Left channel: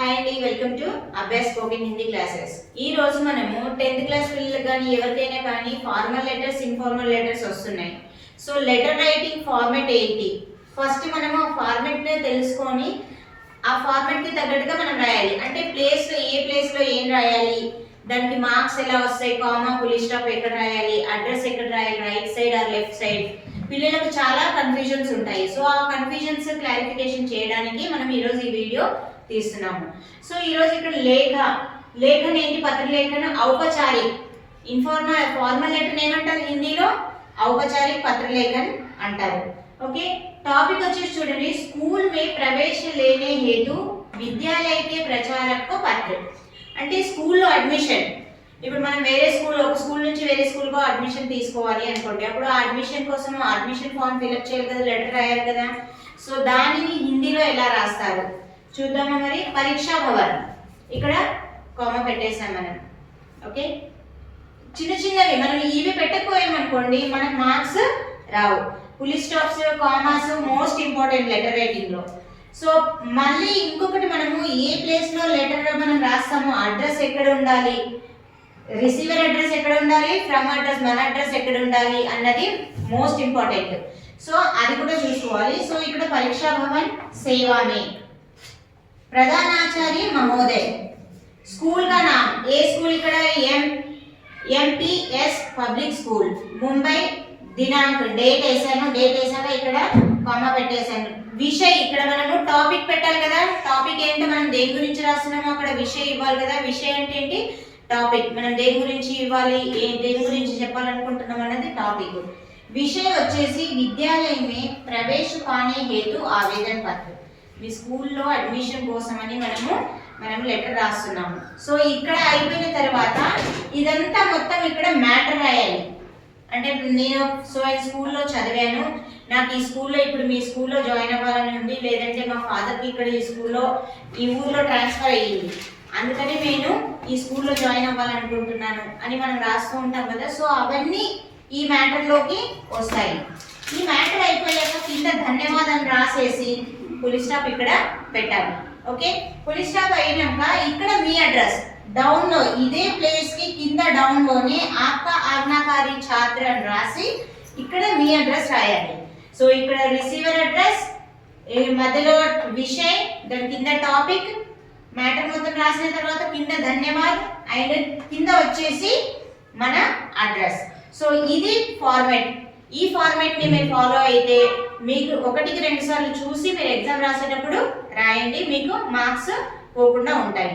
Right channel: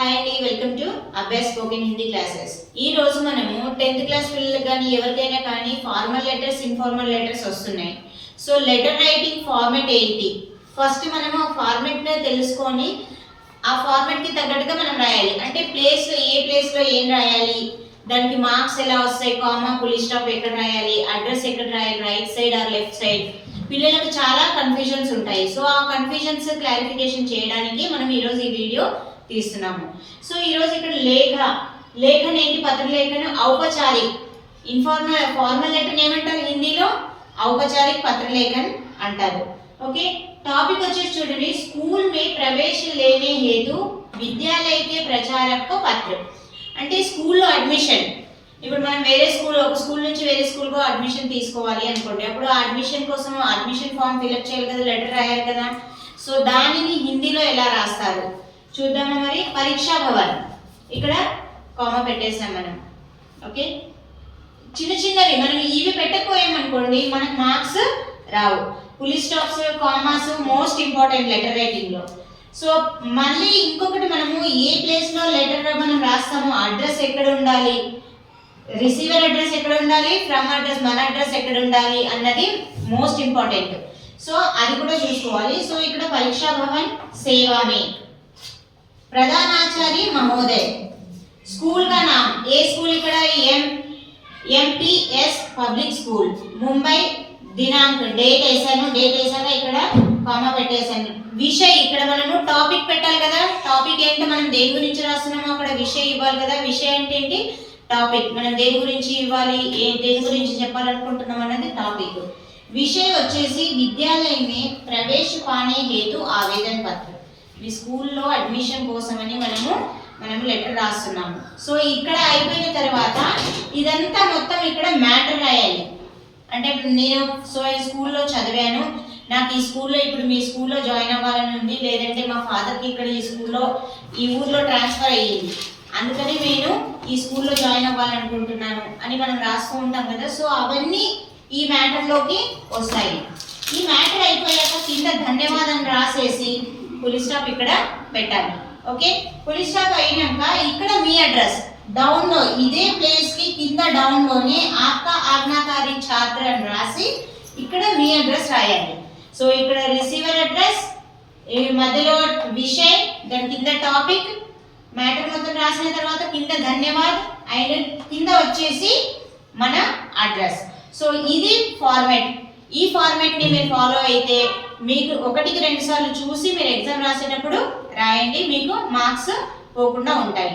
Hi అండి, welcome to Abhyas spoken Hindi classes. ఈ రోజు మనము 10th క్లాస్ పిల్లలకు కానీ ఎవరికైనా కానీ ఫార్మల్ లెటర్స్, ఇన్ఫార్మల్ లెటర్స్ వస్తున్నాయి. సో లెటర్ రైటింగ్ ఫార్మాట్ ఏంటి, ఫస్ట్ మనము ఫార్మాట్ని తెలుసుకొని ఆ ఫార్మాట్కి తగ్గట్టుగా మనం రాయాలి. అంటే ఏ ప్లేస్లో ఏం రాయాలి, దానికి మార్క్స్ ఎలా వస్తాయి, కామా ఫుల్ స్టాప్ ఎక్కడ రాయాలి, అడ్రస్ ఎక్కడ రాయాలి, right side or left side, పిల్లలకు చాలా కన్ఫ్యూజన్స్ ఉంటాయి. సో ఆ కన్ఫ్యూజన్స్ క్లారిఫికేషన్ చేయడానికి మనం ఈరోజు ఈ వీడియో తీస్తున్నాము. సో ఈరోజు ఇక్కడ లేఖన ఏంటి, పత్రలేఖను ఔపచారిక్, ఫార్మల్ లెటర్ ఏమంటారు హిందీలో, ఔపచారిక్ పత్రలేఖన్ అంటారు. ఓకే, టాపిక్ వచ్చేసి చూడండి, స్కూల్ మే ప్రవేశ లేనే హేతు విద్యాలయ కే ప్రచారక్ పత్ర. అంటే స్కూల్లో అడ్మిషన్, ఇప్పుడు మనం ఒక స్కూల్ నుంచి వేరే స్కూల్కో అడ్మిషన్ తీసుకోవాలి అనుకోండి, అప్పుడు ఆ అడ్మిషన్ కోసం అడ్మిషన్ ఫామ్ ఫిల్అప్ చేయాలి కదా, లెటర్ రాయాలి కదా. సో దానిని హిందీలో ఎలా రాస్తారు చూద్దామా. మరి పరీక్షా భవన్, ఇక్కడ కామా పెట్టేసాం మనం. ఓకే, చిన్నవి మనం ఇవి పెట్టకపోయామనుకోండి మనకు మార్క్స్ రావు. Full stops, commas most important letter writing లో. సో మళ్ళీ ఇంకొకటి, మనము ఏ ప్లేస్ లో లెటర్ మనం రాస్తామో అడ్రస్ ఎక్కడ ఉండాలి, రిసీవర్ అడ్రస్ ఎక్కడ ఉండాలి, ఫ్రమ్ అడ్రస్ మన అడ్రస్ ఎక్కడ ఉండాలి అన్నది మోస్ట్ ఇంపార్టెంట్. సో అది కూడా చూసుకోవాలి. సో ఇక్కడ పరీక్షా భవన్ సేవా మే ప్రధానాచారి మహోదయ్, స్కూల్ का नाम, ఏ స్కూల్ ఇక్కడ ఎంపీఎస్ పబ్లిక్ స్కూల్ ముంబై, దినాంక్ డేట్ వేసాను ఇక్కడ కామా పెట్టేసాను. విషయ్, ఇక్కడ మనము టాపిక్ పెట్టాలి కదా, టాపిక్ ఏంటో మనం దేని గురించి రాస్తున్నామో అక్కడ విషయ్ ఇవ్వాలి కదా. విషయ్ అంటే ఏంటి, టాపిక్, మనం దేని గురించి ఇవ్వాలి, దేని గురించి చెప్పాలనుకుంటున్నాం అనేది టాపిక్. విషయ్ వచ్చేసి విద్యాలయ మే ప్రవేశ పానే హేతు ఆవేదన పత్రం, మీ స్కూల్లో అడ్మిషన్ కోసమని మనము లెటర్ రాస్తున్నాము. సో ఇక్కడ అయిపోయిన తర్వాత ఇదంతా మొత్తం ఇక్కడ మ్యాటర్ రాయాలి. అంటే నేను స్కూల్లో చదివాను, నాకు ఈ స్కూల్లో ఇప్పుడు మీ స్కూల్లో జాయిన్ అవ్వాలని ఉంది, లేదంటే మా ఫాదర్కి ఇక్కడ ఈ ఊర్లో ట్రాన్స్ఫర్ అయ్యింది, అందుకని నేను ఈ స్కూల్లో జాయిన్ అవ్వాలనుకుంటున్నాను అని మనం రాస్తూ ఉంటాం కదా. సో అవన్నీ ఈ మ్యాటర్లోకి వస్తాయి. ఈ మ్యాటర్ అయిపోయాక కింద ధన్యవాదం రాసేసి ఫుల్ స్టాప్ ఇక్కడ పెట్టాలి. ఓకే, ఫుల్ స్టాప్ అయినాక ఇక్కడ మీ అడ్రస్ డౌన్ లో, ఇదే ప్లేస్ కి కింద డౌన్ లోనే ఆప్కా ఆజ్ఞాకారి ఛాత్ర అని రాసి ఇక్కడ మీ అడ్రస్ రాయాలి. సో ఇక్కడ రిసీవర్ అడ్రస్, మధ్యలో విషయ్, దాని కింద టాపిక్, మ్యాటర్ మొత్తం రాసిన తర్వాత కింద ధన్యవాద్, అండ్ కింద వచ్చేసి మన అడ్రస్. సో ఇది ఫార్మాట్. ఈ ఫార్మాట్ ని మీరు ఫాలో అయితే మీకు 1కి 2 సార్లు చూసి మీరు ఎగ్జామ్ రాసేటప్పుడు రాయండి, మీకు మార్క్స్ పోకుండా ఉంటాయి.